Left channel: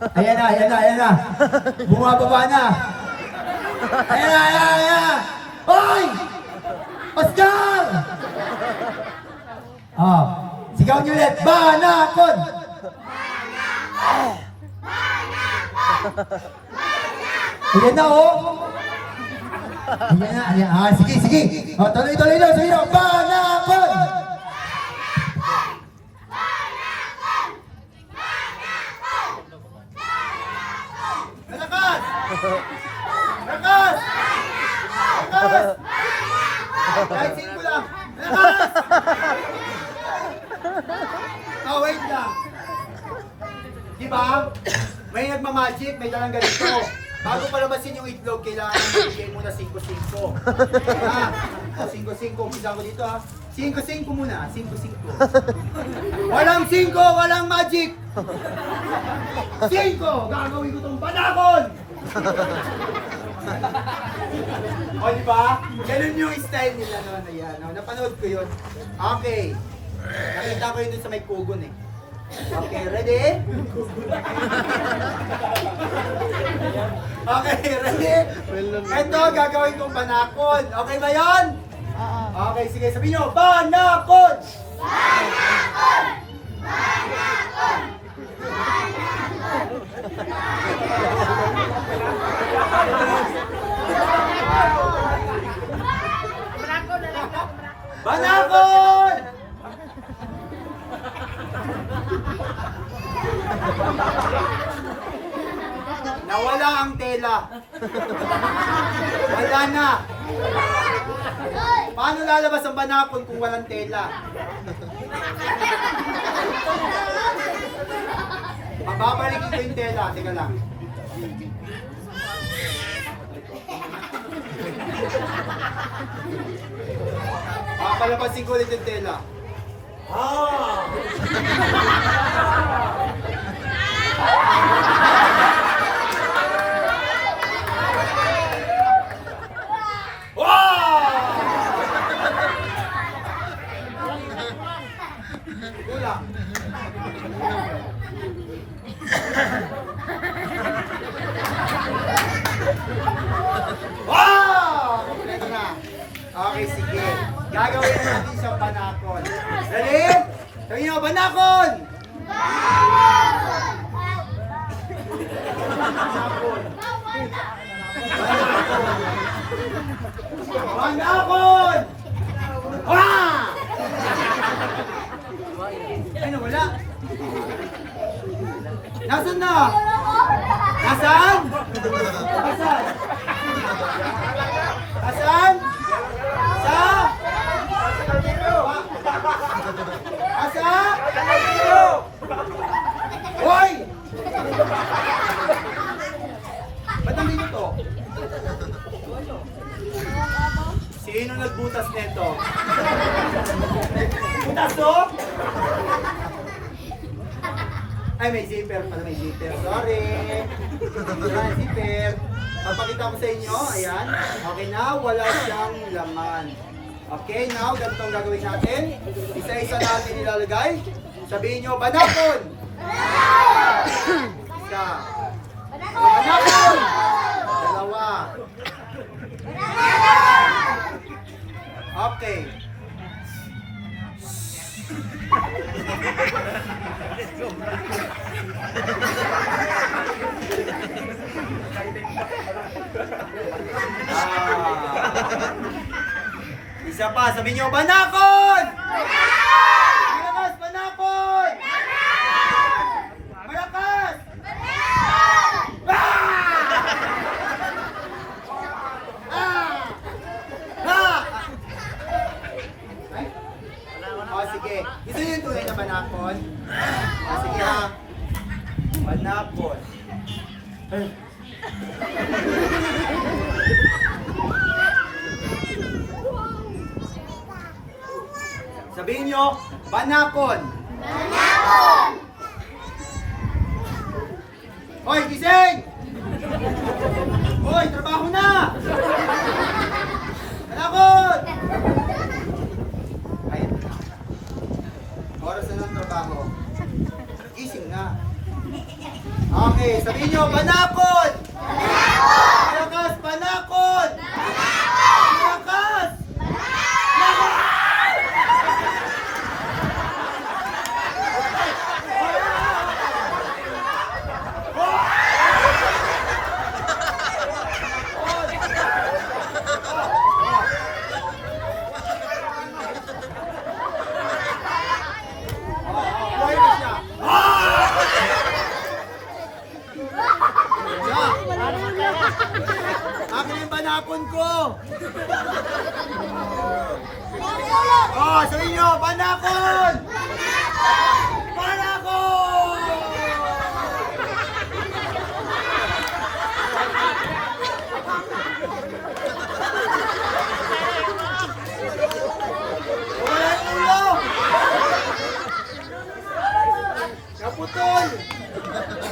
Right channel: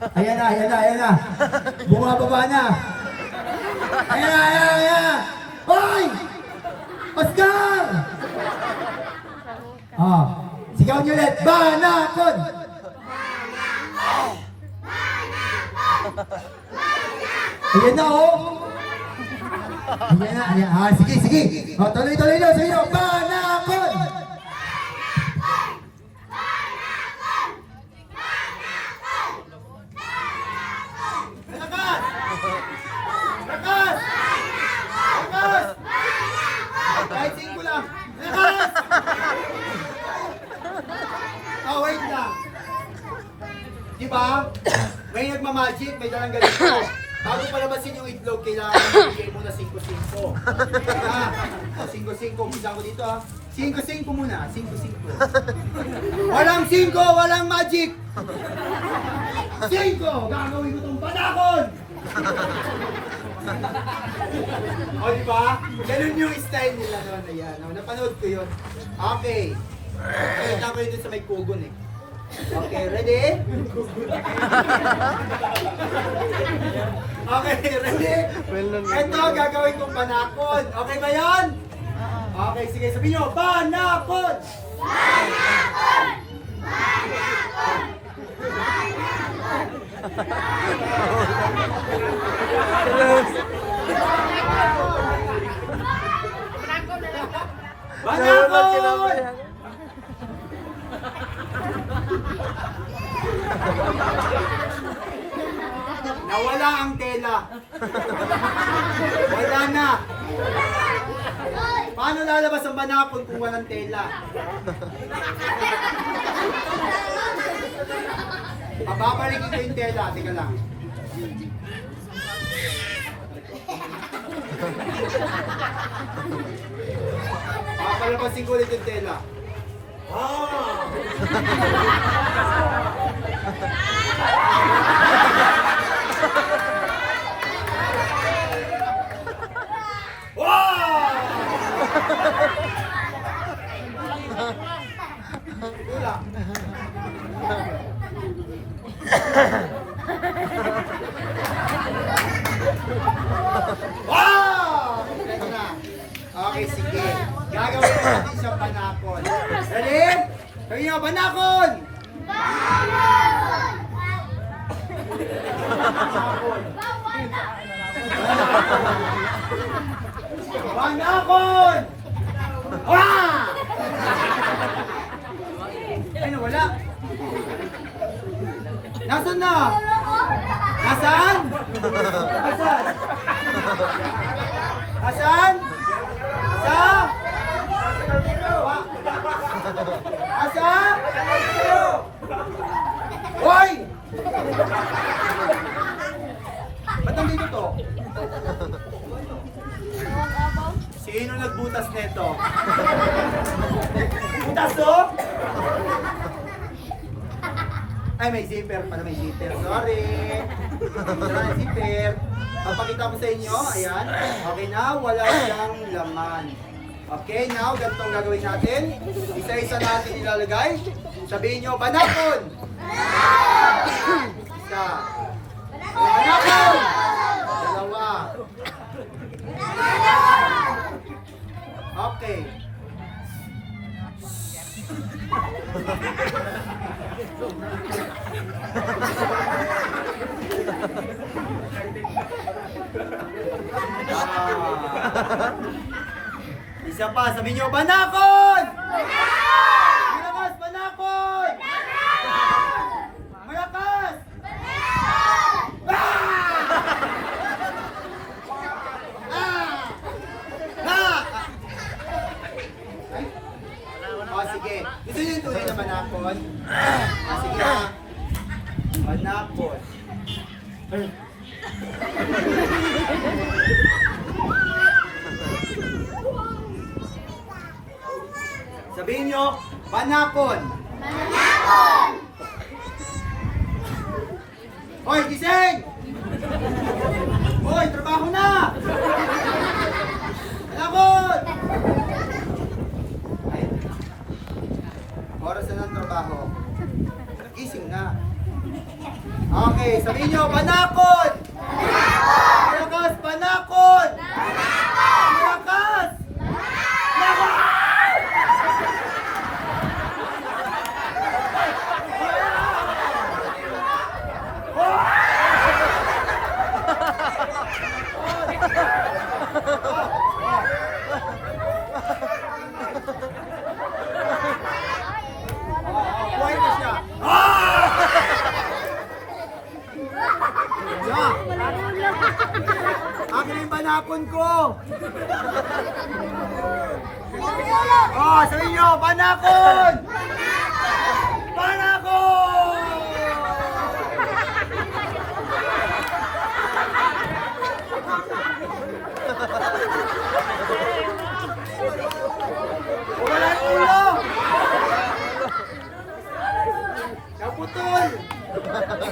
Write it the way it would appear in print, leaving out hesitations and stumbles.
Ayan na, ayan na, ayan na. Bumababa na. Ayan na, ayan na, ayan na. Hoy! Oscar! Oh, sigaw niyo ulit. Banakon! Ayan na, oh. Ayan na, ayan. Ah, sige, sige. Oh, tuloy, tuloy na. Sige, oh. Banakon! Malakas! Malakas! Malakas! Kahit 5 lang. Malakas! Oh, wait lang. Diba? May nagmamagic, may dalang ganito. Bago palabasin yung itlog, kailangan ibigay muna 5-5. Ah, o 5-5. Umpisa ko dito ha. 5-5 muna. 5-5. Walang 5, walang magic. 5! Gagawin ko tong banakon! O diba? Ganun yung style nila noon. Ayan. O, napanood ko yun. Okay. Nakita ko yun dun sa may kugon eh. Okay, ready? Okay, ready? Ito, gagawin kong banakon. Okay ba yan? Okay, sige. Sabihin nyo, banakon! Banakon! Banakon! Banakon! Nawala ang tela. Wala na. Paano lalabas ang banakon kung walang tela? Babalikin ko yung tela. Teka lang. Papalabasin ko ulit yung tela. Ah! Kulang. Wow! Kompleto na. Okay, sige. Gagawin na natin siyang banakon. Ready? Sabihin nyo, banakon! Banakon! Banakon! Banakon! Ah! Ay, nawala. Nasaan na? Nasaan? Nasaan? Nasaan? Sa? Asa? Hoy! Ba't nandito to? Sino nagbutas nito? Butas to? Ay, may zipper pala, may zipper. Sorry. Wala yung zipper. Papakita ko sa inyo, ayan. Okay na, wala siyang laman. Okay, now, ganito ang gagawin natin. Isa-isa natin ilalagay. Sabihin nyo, banakon! Isa. Banakon! Dalawa. Okay. Isa pa, sabihin nyo, banakon! Banakon! Malakas, banakon! Banakon! Malakas! Banakon! Ay? Oh, sige. Gusto nyo yung tunay na banakon? Ah, sige ha. Banakon. Ay. Sabihin nyo, banakon. Banakon! Hoy, gising! Hoy, trabaho na! Banakon! Ayun na. Oras na ng trabaho. Gising na. Okay, sabihin nyo, banakon! Malakas, banakon! Malakas! Buhay pa siya. Akin yung banakon ko. Oh, sabihin nyo, banakon! Banakon! Wala yung ulo! Naputol!